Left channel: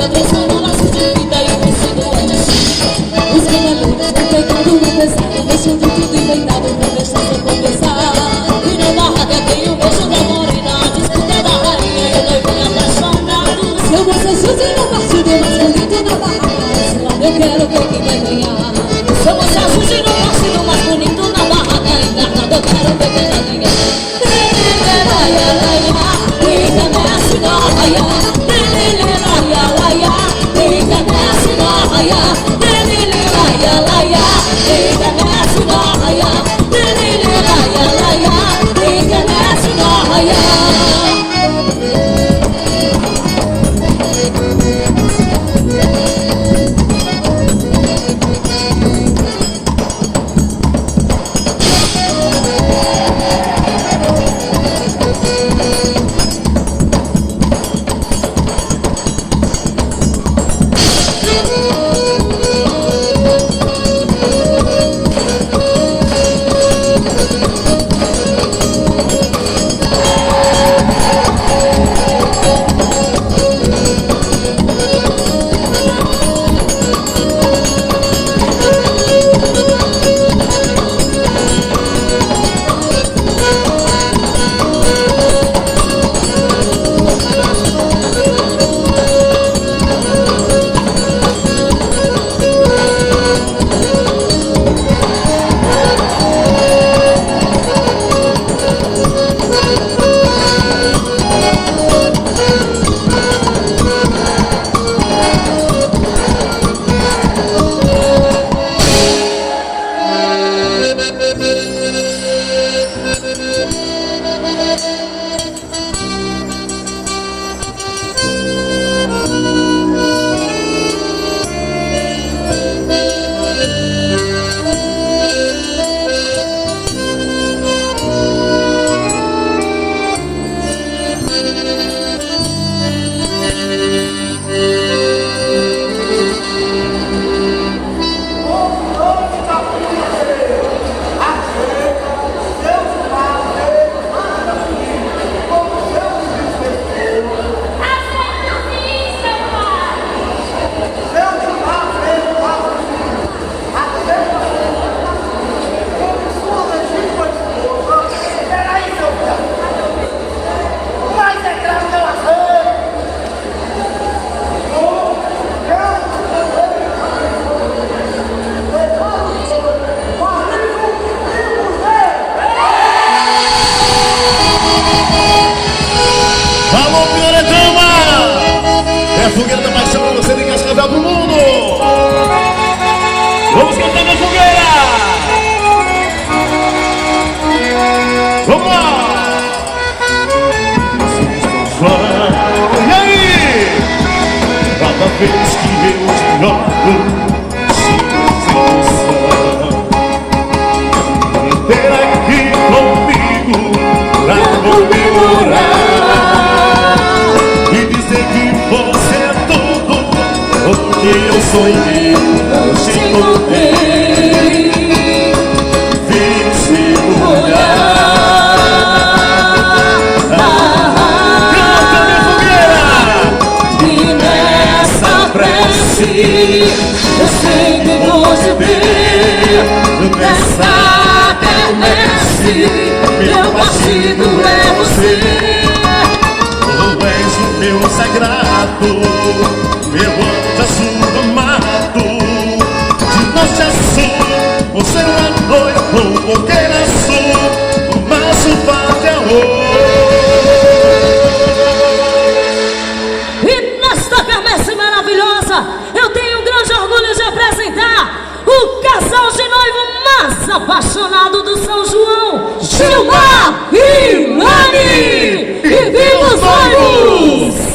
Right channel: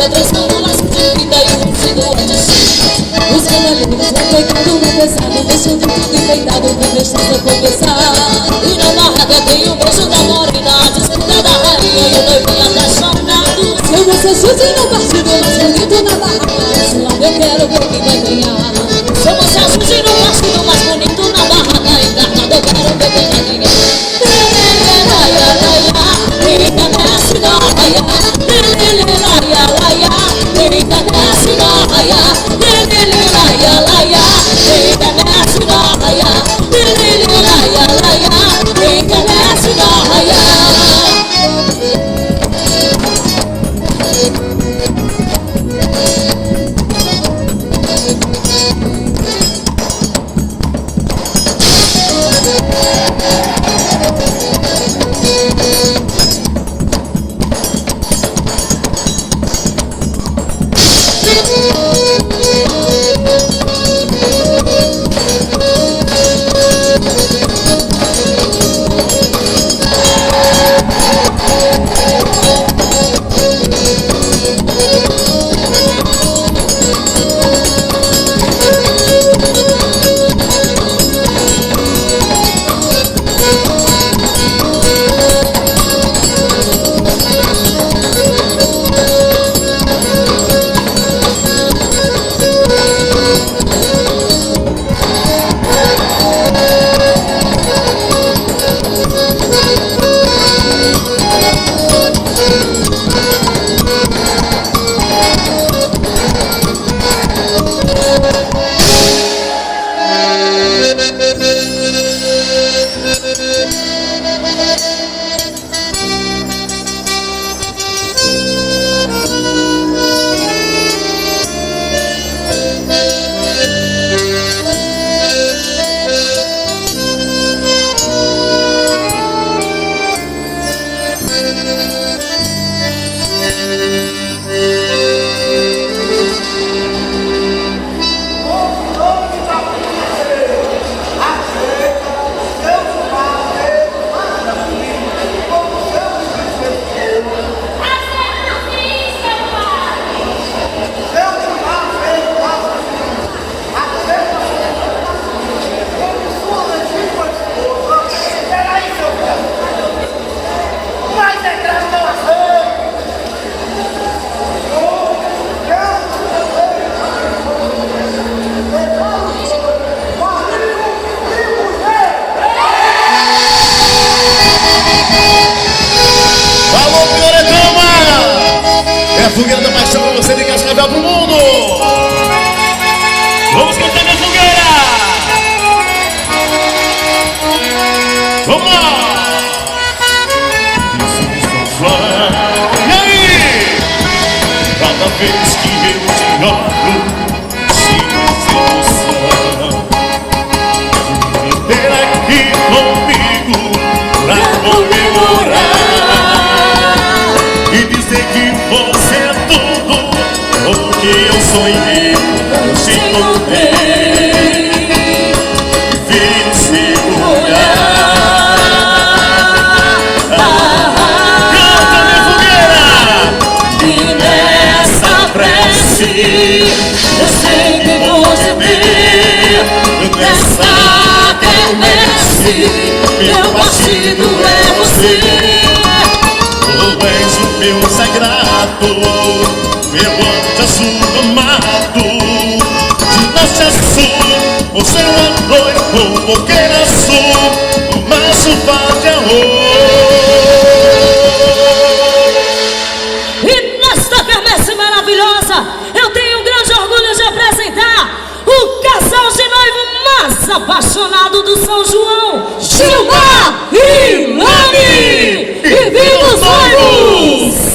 vida transforma um laço de vida e um vestido é destino. Os cavaleiros vão pegando no pesado, deixando tudo enfeitado pra festejar começar. E na barraca tem o beijo da morena, a disputa da rainha e o noivinho apaixonado. Se eu vou ser chute no partido mais bonito na barraca, esse lado eu quero ver quem vai ganhar. Se eu vou ser chute no partido mais bonito na barraca, encarnado eu quero ver quem vai ganhar. Eita, desce na raia, lelele, laia, laia. Eita, desce na raia, lelele, laia, laia. Eita, desce na raia, lelele, laia, laia. Eita, desce na raia. Fogueira da paixão pra você de Cascavel pro mundo. Vamos cantar na fogueira. Vamos lá. E aí? Cada vez que eu te olho, sinto emoção. Espera aqui comigo pra comemorar e dizer que você é tudo o que eu sonhei. Hoje encontrei, vi o seu olhar. Canta, minha fogueira! E nessa prece eu sei que vou te ver. Nessa quermesse meu partido é você. Tu és o meu sagrado, meu anjo azul amado. De norte a sul, o céu à noite, com fogueira azul, o maço vai de amor. E nesta quermesse maravilhosa, eu tenho um grande orgulho de apresentar o casal de noivo mais apaixonado do São João, Gilmar e Lani! E viva os noivos!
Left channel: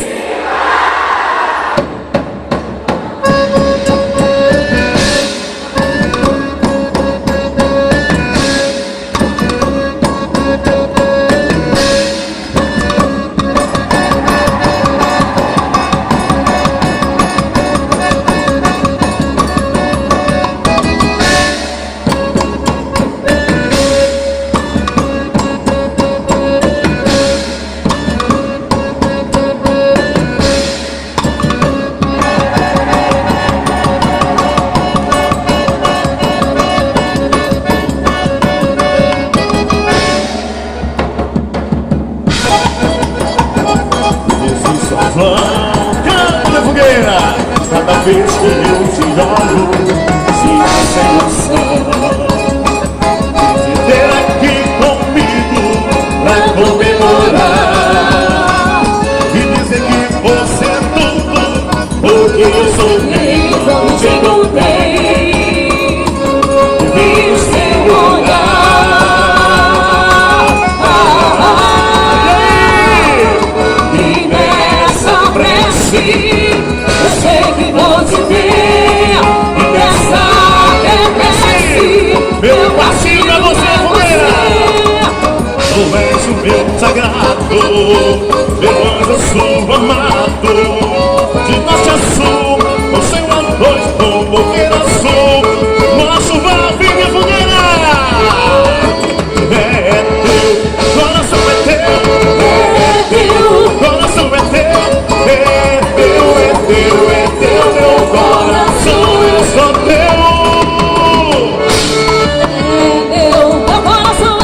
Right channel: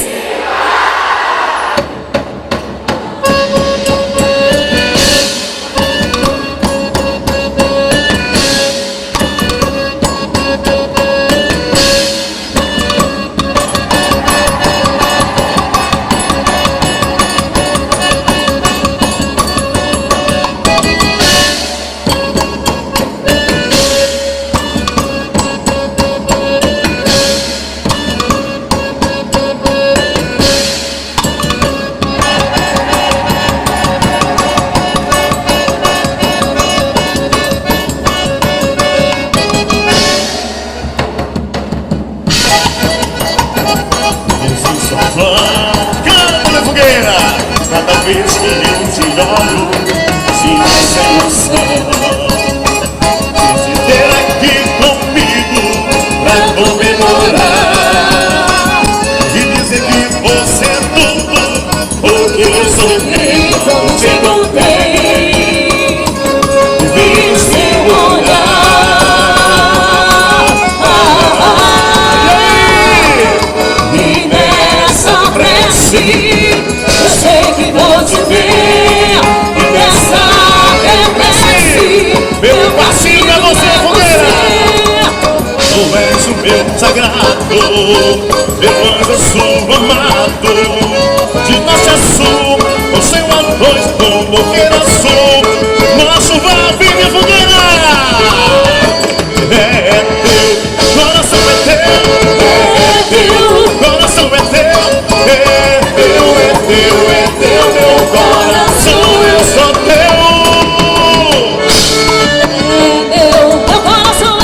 Canta minha fogueira. Cada vez que eu te olho, sinto emoção. Ter aqui comigo pra comemorar e dizer que você é tudo o que eu sonhei quando te encontrei. Vi o seu olhar e nessa prece eu sei que vou te ver. E nessa prece meu passinho é você, fogueira. Tu és o meu sagrado, meu anjo sou amado. De norte a sul, o céu a noite, como queira sul. Nosso vai, minha fogueira. É teu, coração é teu. Coração é teu, meu coração eu sou teu. Coração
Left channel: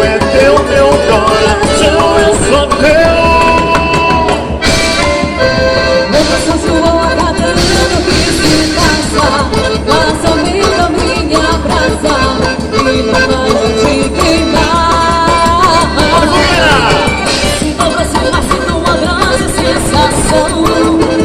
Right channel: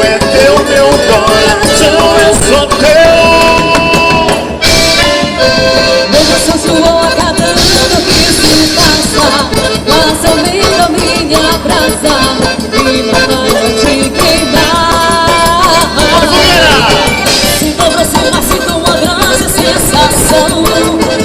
é teu, meu coração eu sou teu. Meu coração suou a cada ano que se passa. Coração lindo me abraça e não para de queimar. Sinto aproximar, sinto uma grande sensação.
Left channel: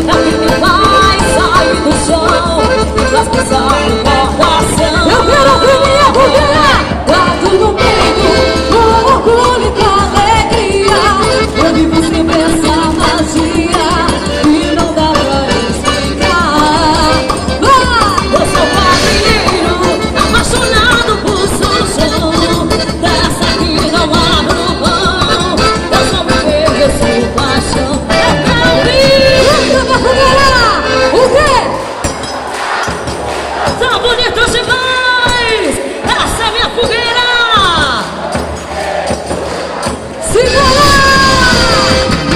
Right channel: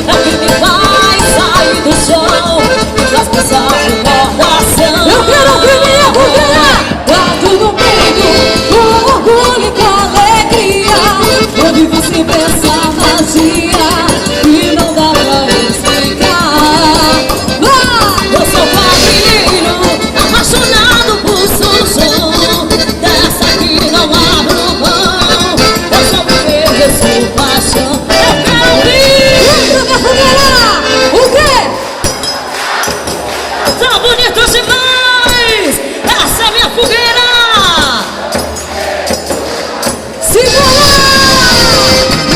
É que me faz sair do chão e faz passar no coração. Eu quero ouvir minha fogueira. Guardo no peito com orgulho e com alegria. Onde você pensa magia e não dá pra explicar. Eu sou padrinho, apaixonado por seu som. Dessa que não abro mão. Eu sou viver, eu sou paixão. Eu quero ouvir minha fogueira. O quê? Tão bonito demais! Essa é minha fogueira! Siga lá!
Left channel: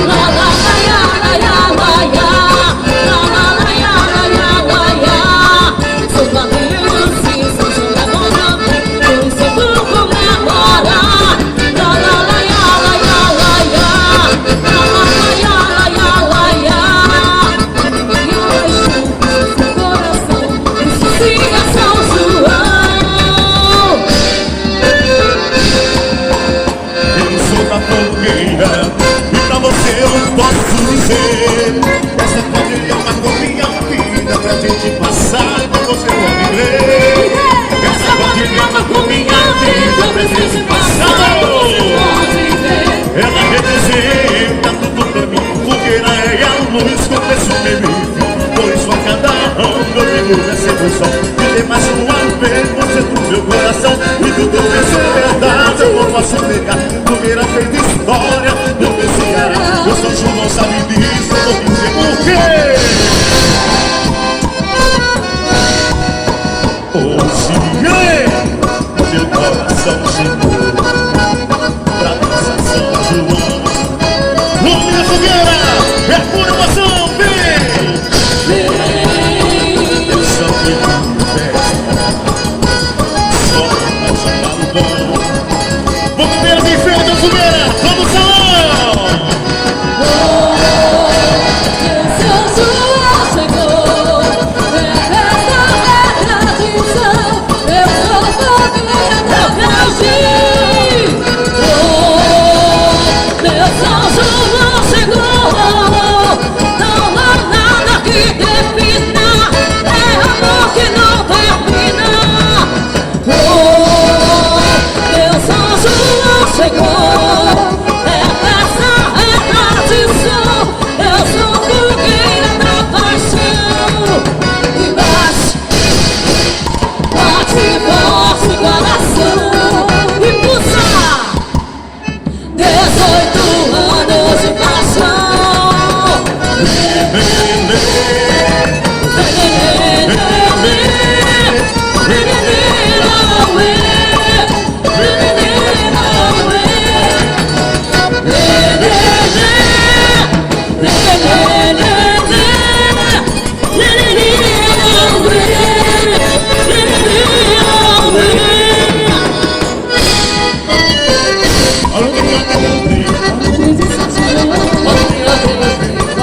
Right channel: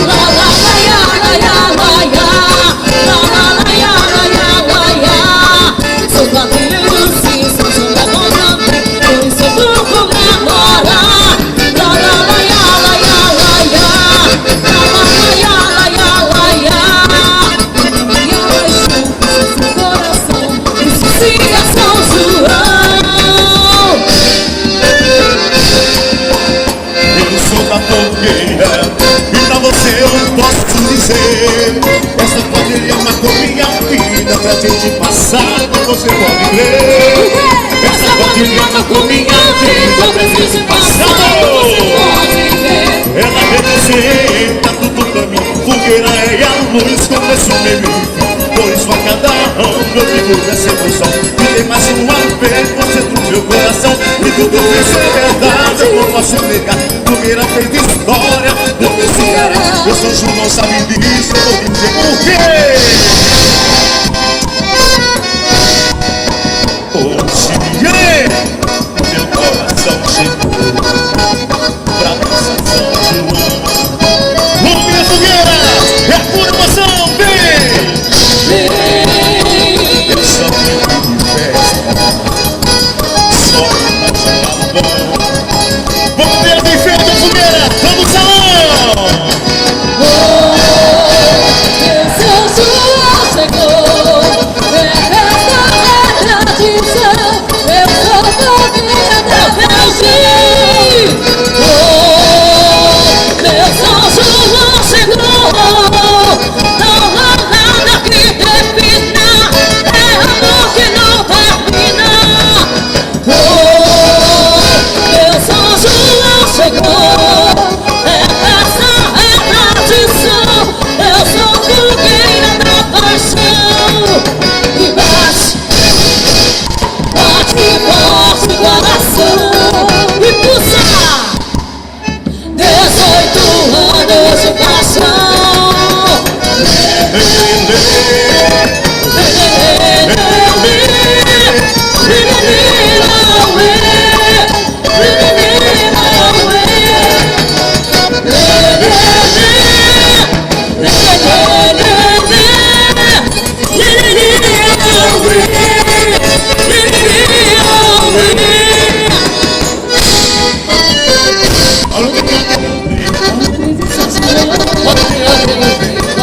La la la ya la ya la ya, la la la ya la ya. Sou padrinho, sim, sou Santa Banda, por isso vou comemorar. La la la ya la ya la ya, la la la ya la ya. Minha paixão, isso é seu coração, isso siga São João. Eu sou da fogueira e pra você eu posso dizer: essa fogueira marcou minha vida, pra gente passar, você pode crer. Essa fogueira marcou minha vida, pra gente passar, você pode crer. Ela representa tudo pra mim, fogueira é a luz, começo, meio e fim. Por isso a cada ano eu vivo essa emoção. E tem mais uma vez você do meu coração. E tudo isso é verdade, eu não posso negar. Fogueira fez história, não me segura. Eu sou João, sabe disso, eu vou dizer por quê. Hoje meu coração chegou pra dançar São João. Minha fogueira é pura emoção, vem! Eu só tenho festa, só mais balão. Vamos ver a bem-feita da fogueira, vamos salão! São João chegou, é festa, é tradição. Eu sou fogueira da Brasil.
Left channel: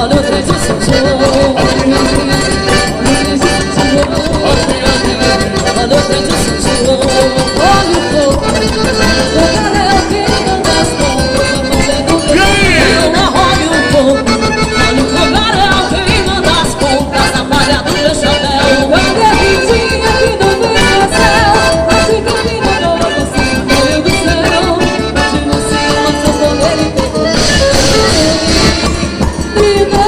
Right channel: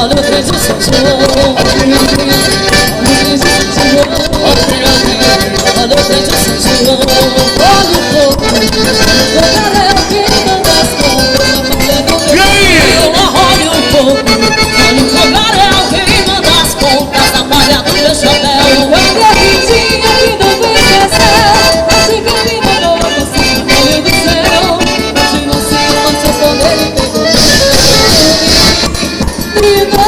olha o trem de São João. Olha o trem de São João. Olha o trem de São João. Olha o fogo, o fogaréu que manda as compras na palha do meu. Olha o fogo, olha o fogaréu que manda as compras na palha do meu chapéu. Olha a vidinha que não vem crescer, assim que me mandou você no meio do céu. Hoje não se ama seu poder e todo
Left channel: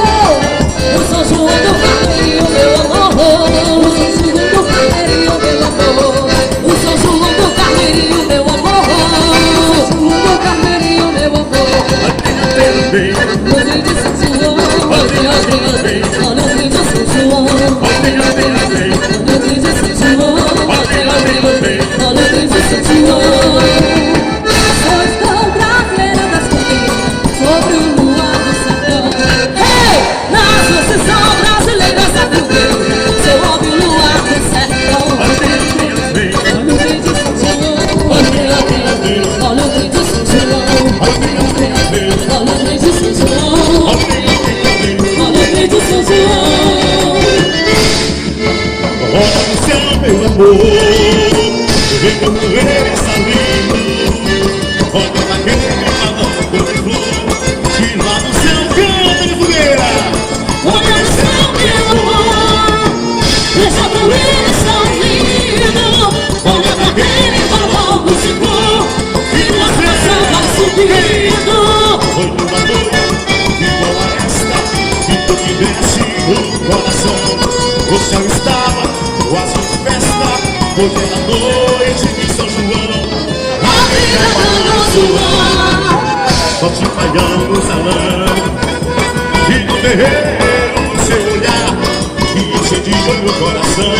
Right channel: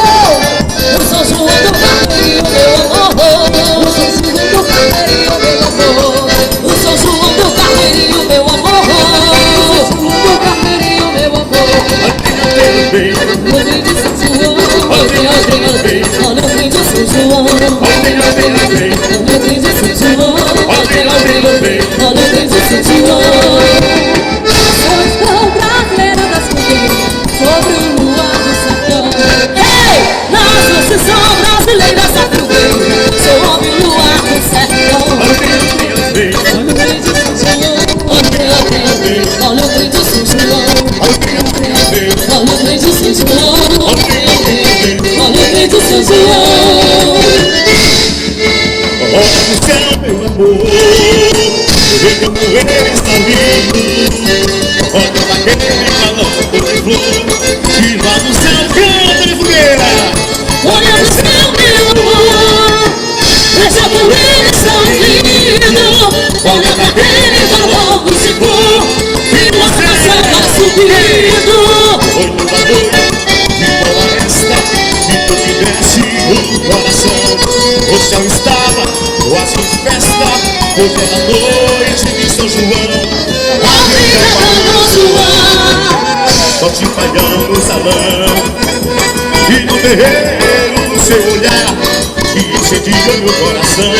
o São João do Carneirinho, meu amor. O São João do Carneirinho, meu amor. O São João do Carneirinho, meu amor. O São João do Carneirinho, meu amor. Olha o trem de São João. Olha o trem de São João. Olha o trem de São João. Olha o trem de São João. Seleção brasileira das fogueiras sobre o luar do sertão. Ei, na Associação Brasileira da Fogueira, sob o luar do sertão. Olha o trem de São João. Olha o trem de São João. Olha o trem de São João. Olha o trem de São João. Olha o céu, meu amor, como ele está lindo. Olha aquele balão de flor que lá no céu canta de fogueira. Olha no céu, meu amor, veja como eles são lindos. Olha aquele balão de flor que lá no céu vai subindo. Foi uma noite igual a esta que me desce o coração. O céu estava quase em festa, porque era noite de São João. A vida do São João. Só te falhando no salão e no terreiro do seu olhar que incendiou meu coração.